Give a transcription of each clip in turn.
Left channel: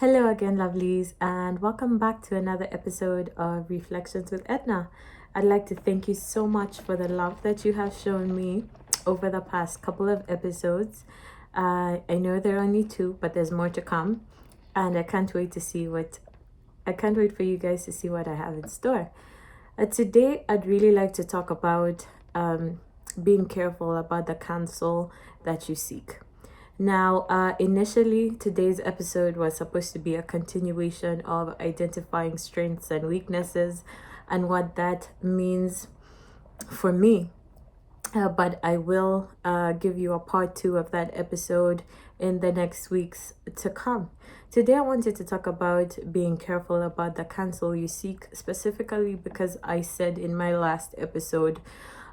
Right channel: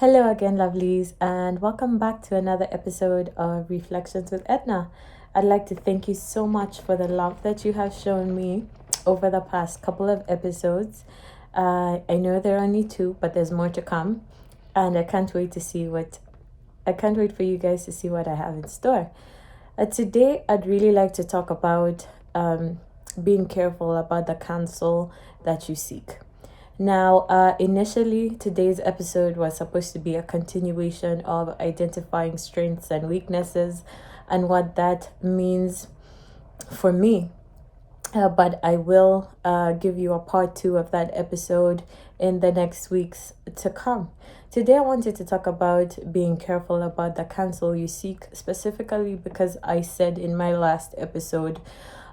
Hello again, lovelies, and welcome back to another episode of Reflections with Edna. I'd like to thank you so much for the love that you have shown me over the past couple of episodes. I know there are only two, but there's more to come, and I can't wait for you guys to see what I have in store. Today, I'd really like to talk about being careful about the counsel that you seek. Now, initially, today's episode was supposed to be a continuation of identifying strengths and weaknesses and what that means for me. But I will give you a part two of that episode in the next weeks to come. Today, I wanted to talk about being careful about the counsel you seek, specifically because I said in my last episode,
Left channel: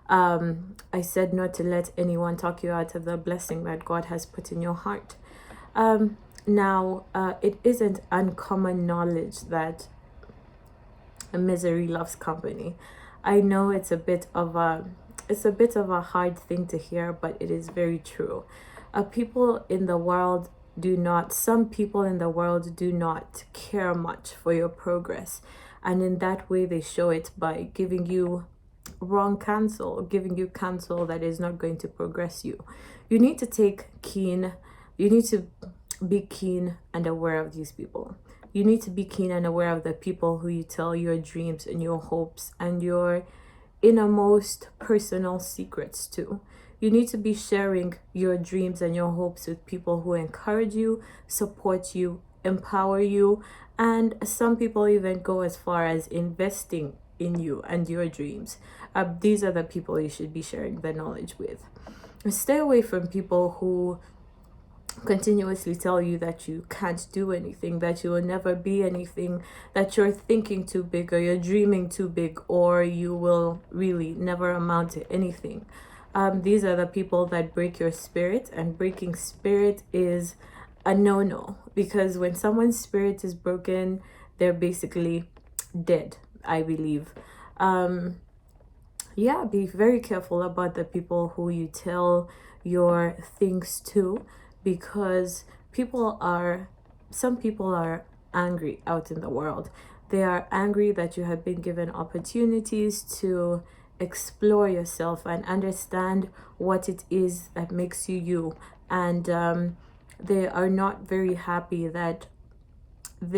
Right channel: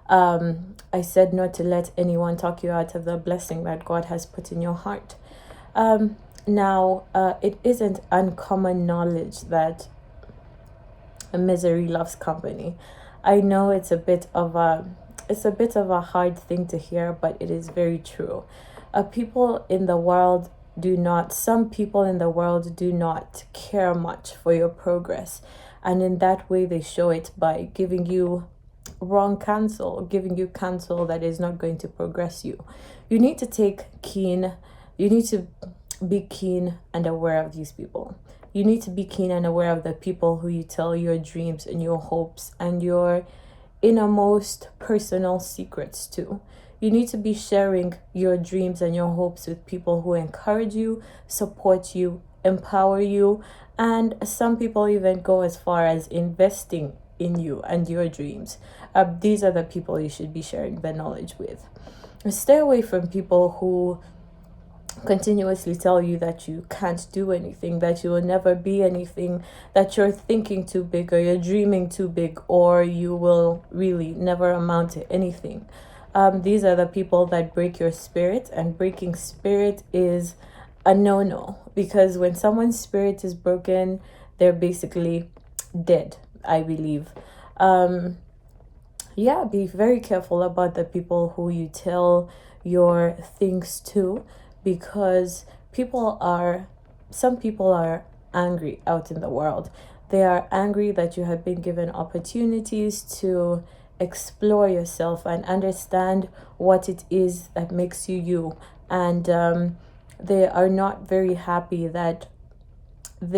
I said not to let anyone talk you out of the blessing that God has put in your heart. Now, it isn't uncommon knowledge that misery loves company. I know it's a bit of a hard thing to hear, but it is very true. People in the world some people in the world do not care much for your progress, and in that way they show it by giving you wrong counsel, giving you counsel that is not going to progress you. You need to you need to be keen and aware of these people. You need to be keen and aware of the people who you tell your dreams and your hopes and your innermost personal secrets to. You need to be sharing your dreams and your hopes with people who encourage you, support you, empower you, and some people even go as far as investing in you and your dreams. These are the people you should be sharing the knowledge with. Stay away from people who continuously tell you that you can't do anything, that you will never be anything, that you're thinking too big or you're dreaming too big, or you will really never amount to anything. These are the people that break your spirit, and breaking spirit is a no-no, because when someone's spirit is broken, they're basically dead, I believe. Be very careful about the people who you tell your things to, because some people are angry out in the world. They are angry that you have been given opportunities to explore yourself and understand what it is that makes you you. And they are not very happy that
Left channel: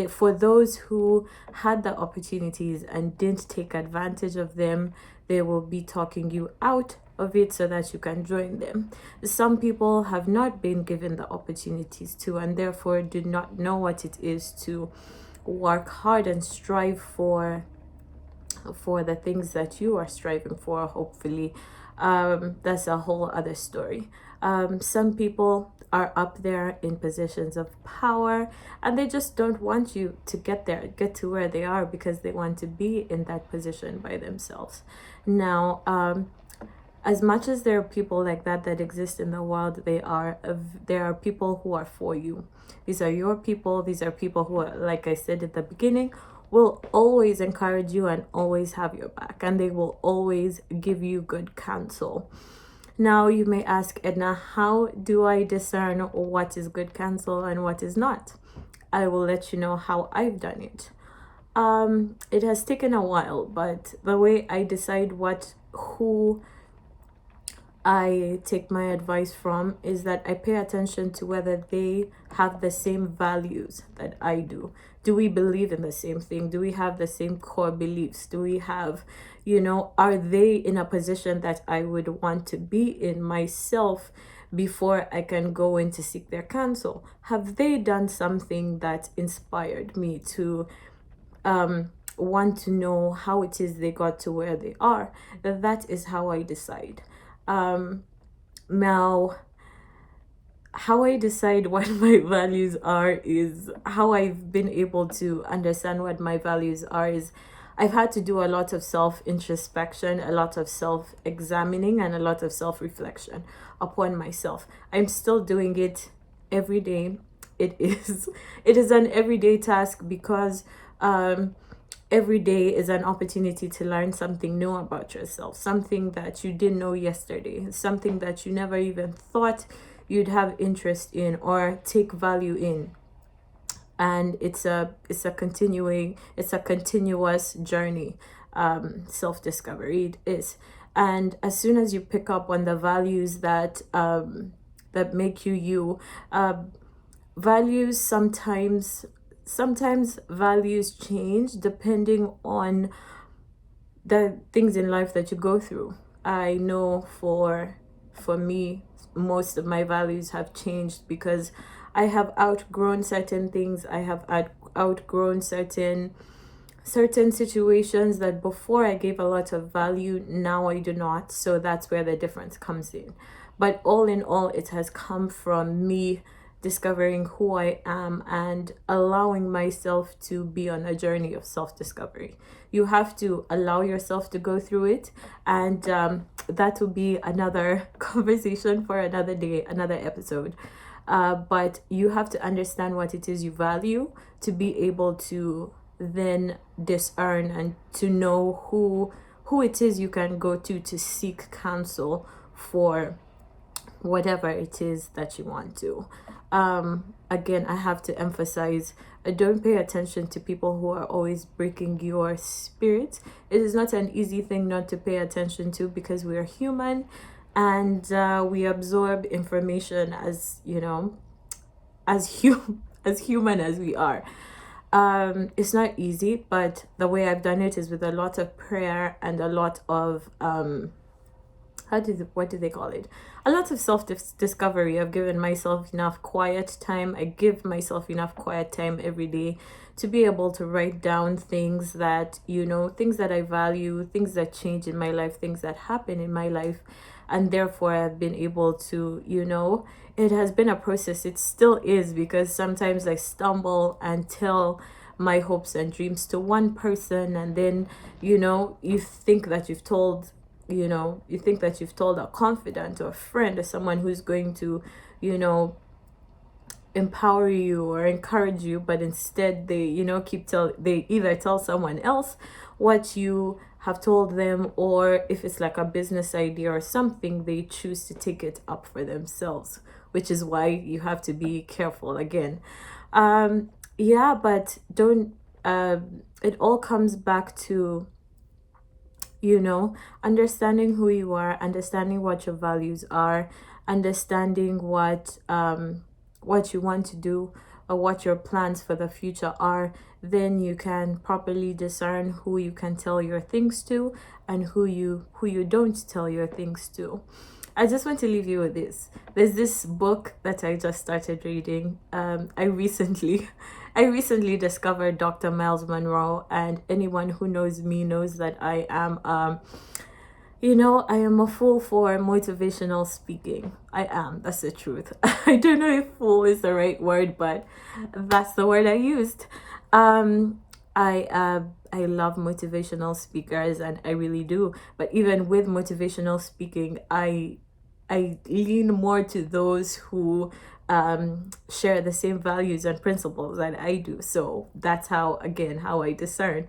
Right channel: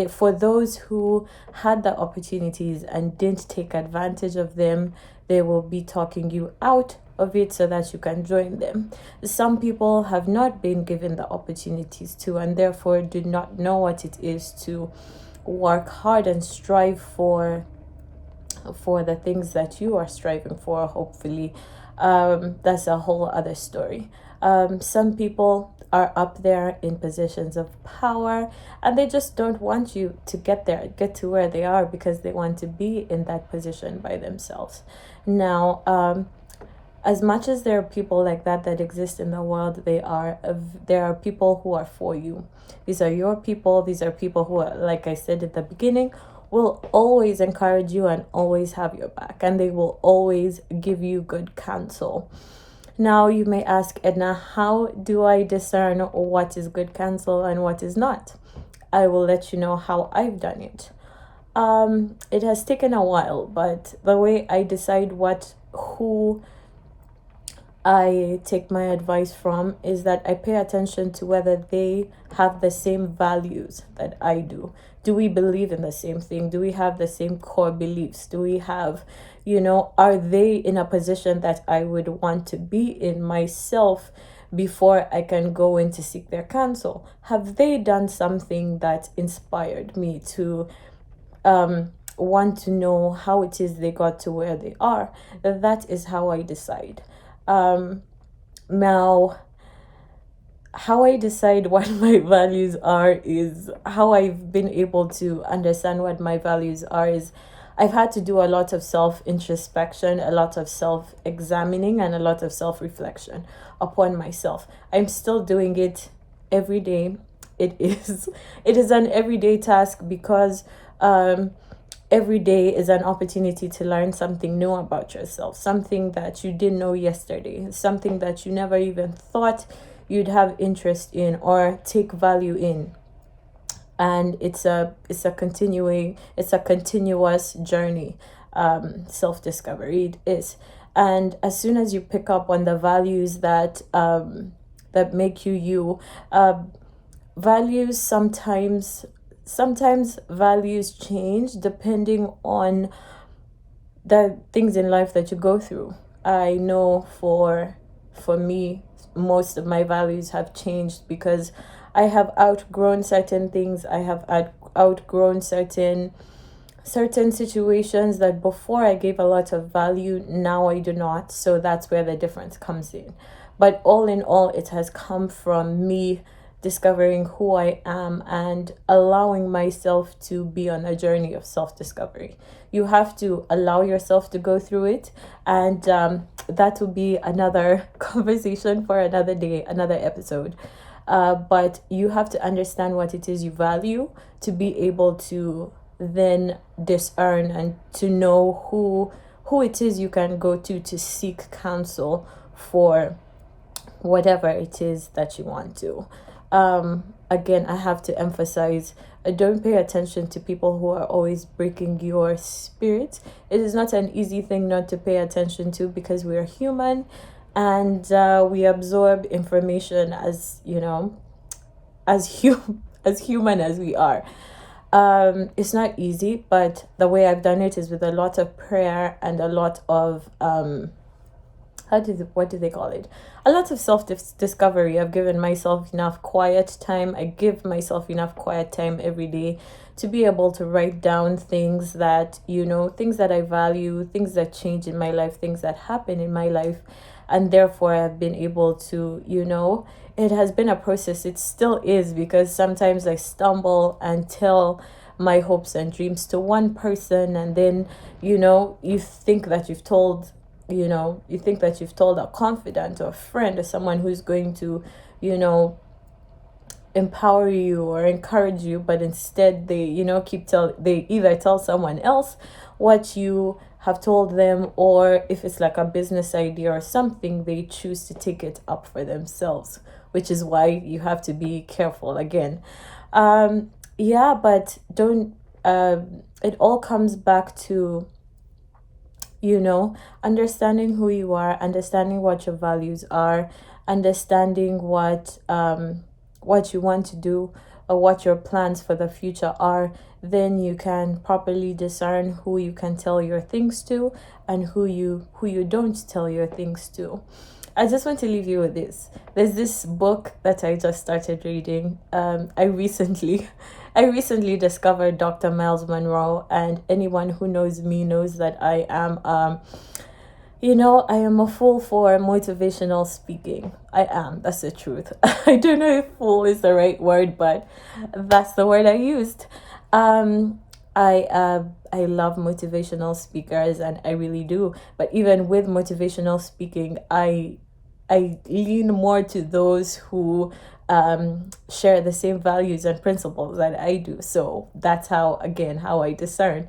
for those who had the opportunities and didn't take advantage of them, they will be talking you out of it so that you can join them. Some people have not been given the opportunities to, and therefore do not know what it is to work hard and strive for the things that you are striving for, hopefully. That's a whole other story. Some people are up there in positions of power, and they just don't want you to get to where they are, because they want to be in that position by themselves. Now, as much as there are people like that exist in the world, there are people who are for you. These are your people. These are people who are, like I said at the beginning, will always encourage you and always have your back, and they will always give you good counsel. Now, you may ask, Edna, how do I discern what is good counsel and what is not? I will let you know how I've done it. It has taken a while, but the way I decide who I take my advice from is that I pay attention to whether they have the same values that I do. Do we believe in the same thing? Do we have the same core beliefs? Do we have, are they in a position that I would want to be in myself before I can go in to seek their counsel? Have they done something that inspired me to want to know how it is they got to where they are? That is how I decide. Now, how I decide what my values are is how I've been able to understand what my values are is I've had to do a lot of self-introspection, a lot of self-examining, and a lot of self-reflection upon myself. I'm still doing it every day. It is an everyday task, because every day is an opportunity to learn something new about yourself, something that you didn't know yesterday, something that you never even thought you'd have interest in or take value in. and it's a continuous journey. Self-discovery it is. And as soon as you pick up on the values that make you you, values sometimes values change depending on the things in life that you go through. I know for me, most of my values have changed because I have outgrown certain things. I have outgrown certain situations that before I gave a lot of value, now I do not. So that's where the difference comes in. But all in all, it has come from me discovering who I am and allowing myself to be on a journey of self-discovery. You have to allow yourself to go through it, and that will be another conversation for another day, another episode. But you have to understand what it is you value to be able to then discern and to know who it is you can go to seek counsel for whatever it is that you want to. Again, I have to emphasize, don't pay attention to people who are always breaking your spirit. It is not an easy thing not to pay attention to because we are human, and we absorb information as as human as we are. It's not easy, but the way I've done it is with a lot of prayer and a lot of what do they call it? A lot of self-discovery. I've given myself enough quiet time. I give myself enough quiet time every day to be able to write down things that, things that I value, things that change in my life, things that happen in my life. And therefore, I've been able to, it has been a process. It still is, because sometimes I stumble and tell my hopes and dreams to one person, and then, you think that you've told a confidant or a friend or someone who's going to, empower you or encourage you, but instead they, they either tell someone else what you have told them, or if it's like a business idea or something, they choose to take it up for themselves, which is why you have to be careful again. But don't, it all comes back to, understanding who you are, understanding what your values are, understanding what you want to do or what your plans for the future are. Then you can properly discern who you can tell your things to and who you don't tell your things to. I just want to leave you with this. There's this book that I just started reading. I recently discovered Dr. Miles Monroe, and anyone who knows me knows that I am I am a fool for motivational speaking. I am. That's the truth. I don't know if fool is the right word, but that's the word I used. I love motivational speakers, and I really do. But even with motivational speaking, I lean more to those who share the same values and principles that I do. So that's how I discern.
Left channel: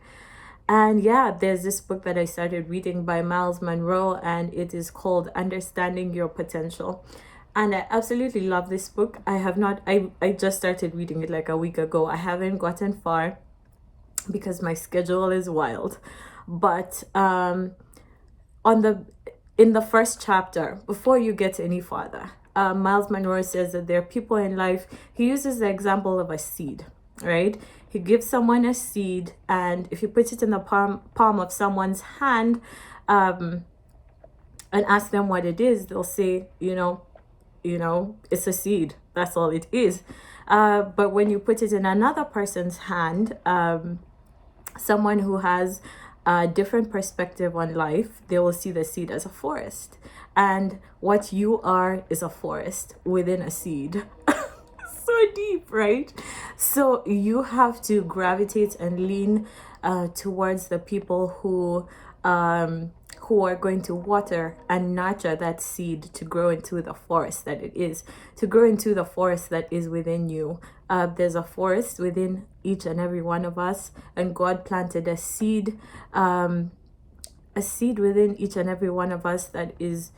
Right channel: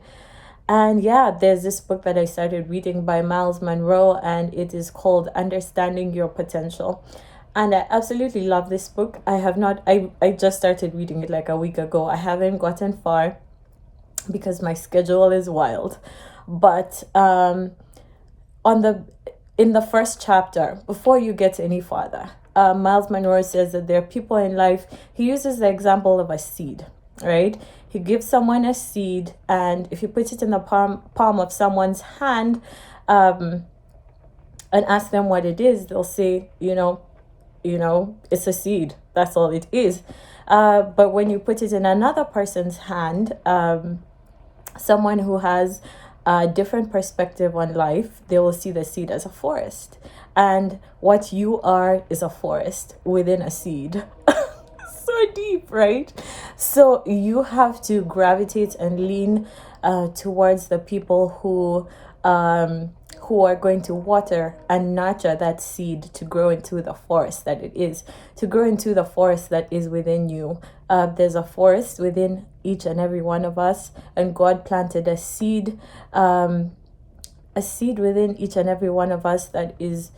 And there's this book that I started reading by Miles Monroe, and it is called Understanding Your Potential. And I absolutely love this book. I just started reading it like a week ago. I haven't gotten far because my schedule is wild. But in the first chapter, before you get any farther, Miles Monroe says that there are people in life. He uses the example of a seed, right? He gives someone a seed, and if you put it in the palm of someone's hand, and ask them what it is, they'll say, it's a seed. That's all it is. But when you put it in another person's hand, someone who has a different perspective on life, they will see the seed as a forest. And what you are is a forest within a seed. So deep, right? So you have to gravitate and lean towards the people who are going to water and nurture that seed to grow into the forest that it is, to grow into the forest that is within you. There's a forest within each and every one of us, and God planted a seed within each and every one of us that is,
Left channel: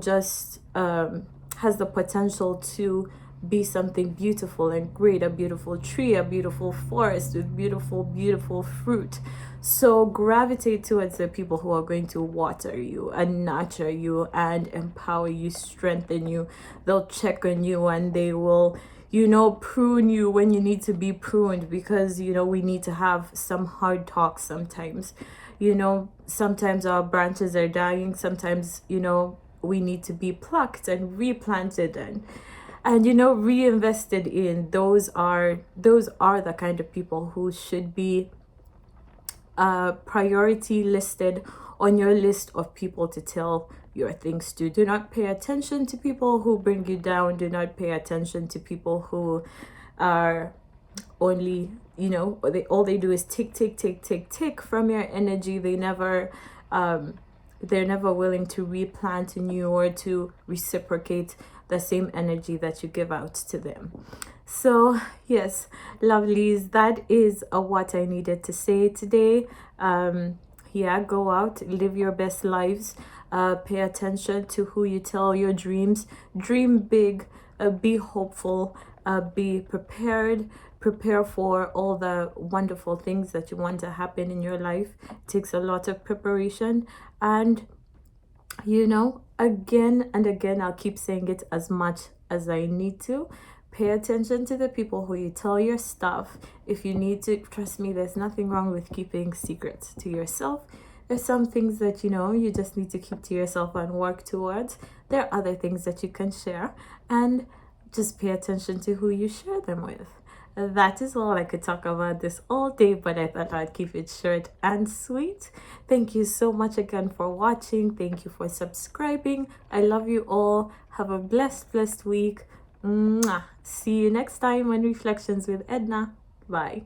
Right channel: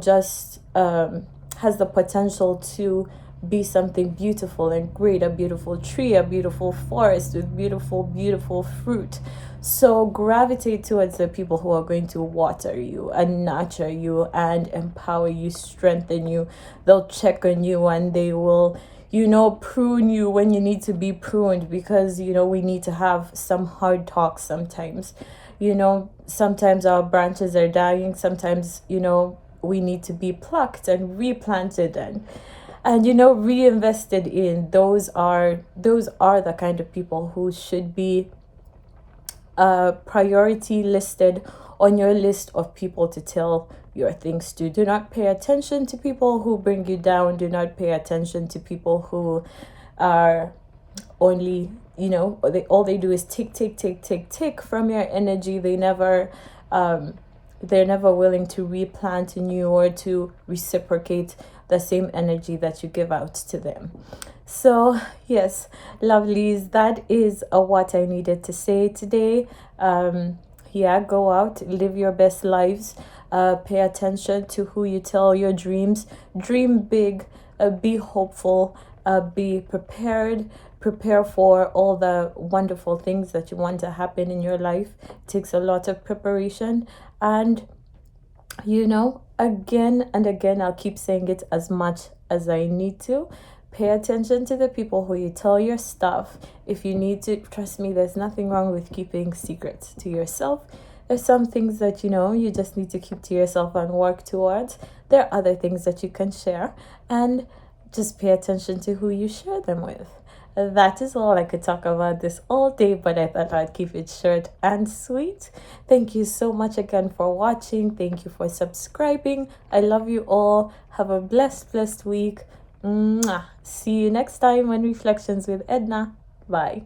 just has the potential to be something beautiful and great, a beautiful tree, a beautiful forest with beautiful fruit. So gravitate towards the people who are going to water you and nurture you and empower you, strengthen you. They'll check on you and they will, prune you when you need to be pruned, because, we need to have some hard talks sometimes. Sometimes our branches are dying. Sometimes, we need to be plucked and replanted and reinvested in. Those are the kind of people who should be priority listed on your list of people to tell your things to. Do not pay attention to people who bring you down. Do not pay attention to people who are only, all they do is take from your energy. They're never willing to replant in you or to reciprocate the same energy that you give out to them. So yes, lovelies, that is what I needed to say today. Go out, live your best lives. Pay attention to who you tell your dreams. Dream big, be hopeful, be prepared. Prepare for all the wonderful things that you want to happen in your life. It takes a lot of preparation, and again and again, I'll keep saying it as much as I need to. Pay attention to the people who you tell your stuff. If you need to, trust me, there's nothing wrong with keeping secrets to yourself. There's some things that you just need to keep to yourself and work towards. There are other things that you can share, and just pay attention to who you share them with. That is all. I could talk about this all day, but I thought I'd keep it short and sweet. Thank you so much again for watching. Thank you for subscribing. I love you all. Have a blessed week. Mwah. See you next time on Reflections with Edna. Bye.